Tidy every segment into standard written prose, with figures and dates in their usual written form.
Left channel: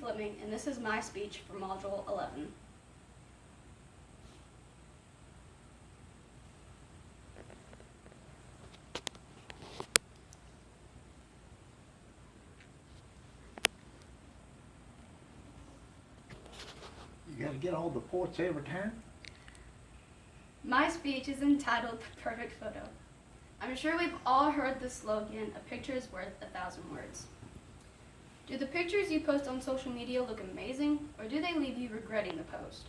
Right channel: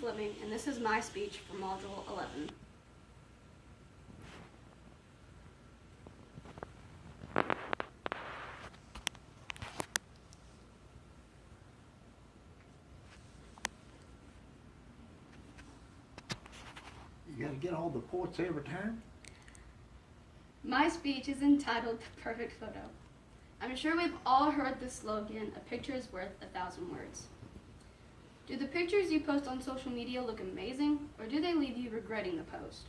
Fleming, and this is my speech for Module 11. You gotta get all the points every time? My speech is entitled The Perfect Photo. I'm sure we've all heard the slogan, a picture is worth 1,000 words. Do the pictures you post on social media look amazing, or do they leave you regretting the post?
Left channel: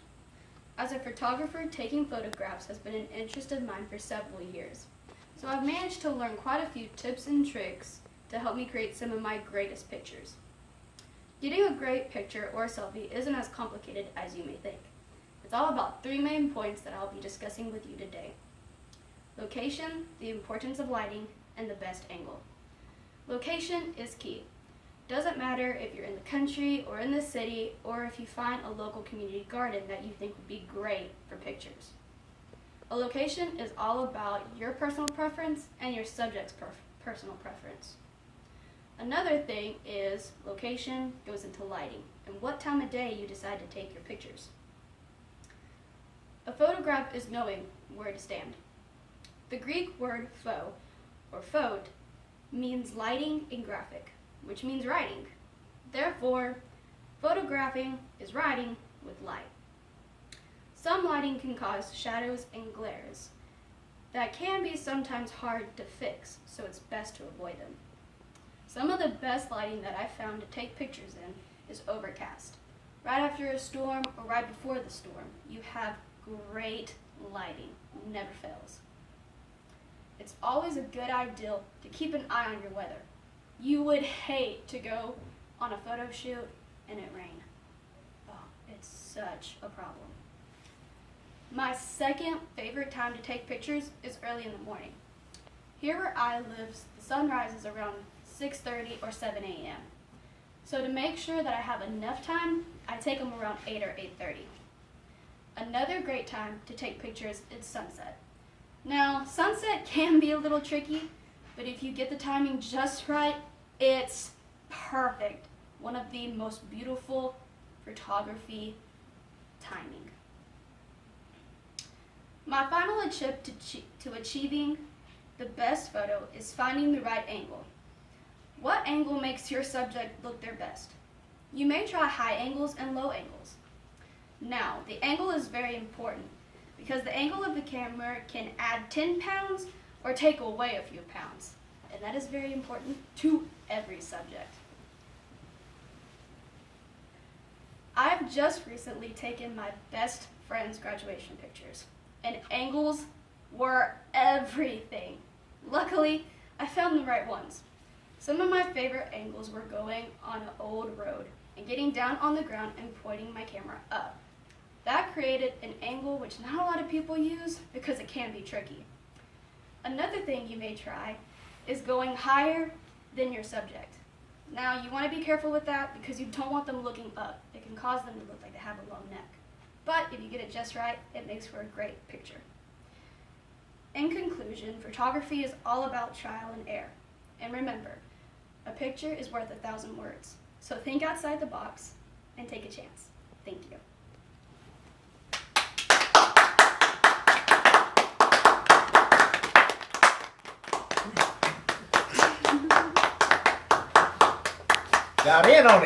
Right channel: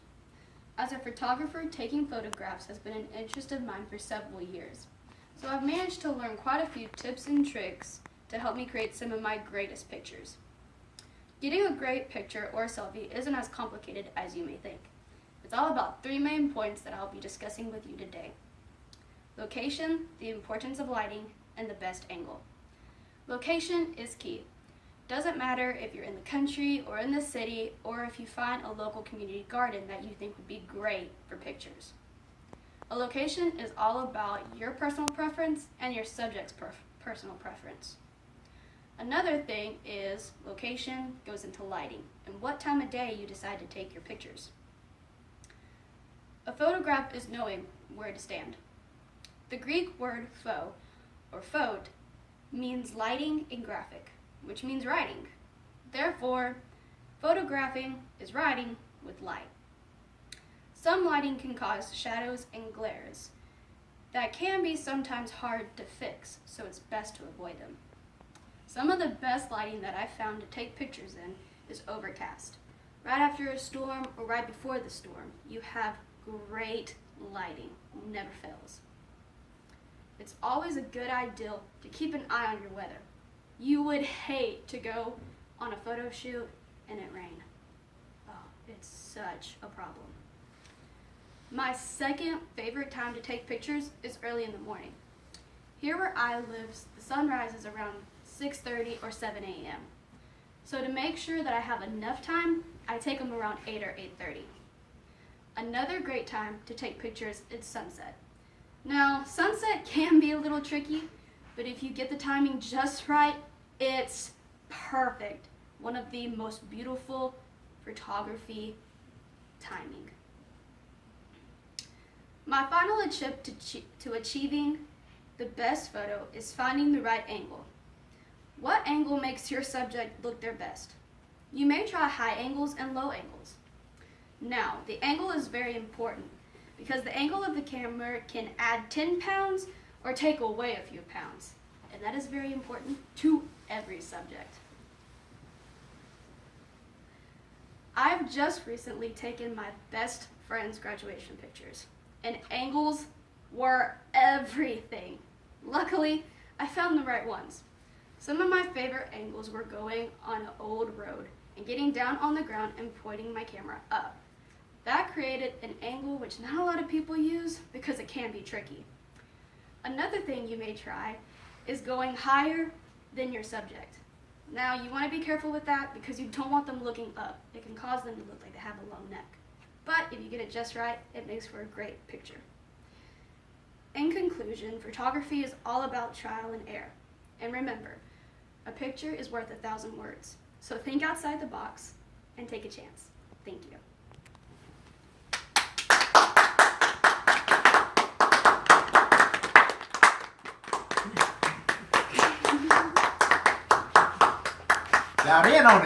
As a photographer, taking photographs has been an interest of mine for several years, so I've managed to learn quite a few tips and tricks to help me create some of my greatest pictures. Getting a great picture or selfie isn't as complicated as you may think. It's all about 3 main points that I'll be discussing with you today. Location, the importance of lighting, and the best angle. Location is key. Doesn't matter if you're in the country or in the city, or if you find a local community garden that you think would be great for pictures. A location is all about your personal preference and your subject's personal preference. Another thing is location goes into lighting and what time of day you decide to take your pictures. A photograph is knowing where to stand. The Greek word pho, or phot, means lighting in graphic, which means writing. Therefore, photographing is writing with light. Some lighting can cause shadows and glares that can be sometimes hard to fix, so it's best to avoid them. Some of the best lighting that I've found to take pictures in is overcast. Right after a storm or right before the storm, you have great lighting, never fails. It's always a good idea to keep an eye on your weather. You would hate to go on a photo shoot and it rain. Oh, it's such a problem. My second favorite time to take pictures is early in the morning. Here where I live, the sun rises around 6:30 or 7 a.m. So to make sure that I have enough time, I take them around 8 or 8:30. Another great time to take pictures is sunset. Now, sunset can be a little tricky, but if you get the timing just right, it's perfect. One of the most beautiful photography timing. My final tip to achieving the best photo is finding the right angle. What angle makes your subject look their best? You may try high angles and low angles. Now, the angle is very important because the angle of the camera can add 10 pounds or take away a few pounds, and that is very important to every subject. I've just recently taken my best friend's graduation pictures, and angles were everything. Luckily, I found the right ones. Some of my favorite angles were going on an old road and getting down on the ground and pointing my camera up. That created an angle which not a lot of people use because it can be tricky. Another thing you may try is going higher than your subject. Now, you want to be careful with that because you don't want them looking up. It can cause them to look like they have a long neck. But if you get it just right, it makes for a great picture. In conclusion, photography is all about trial and error. And remember, a picture is worth 1,000 words. So think outside the box and take a chance. Thank you. Now in on it.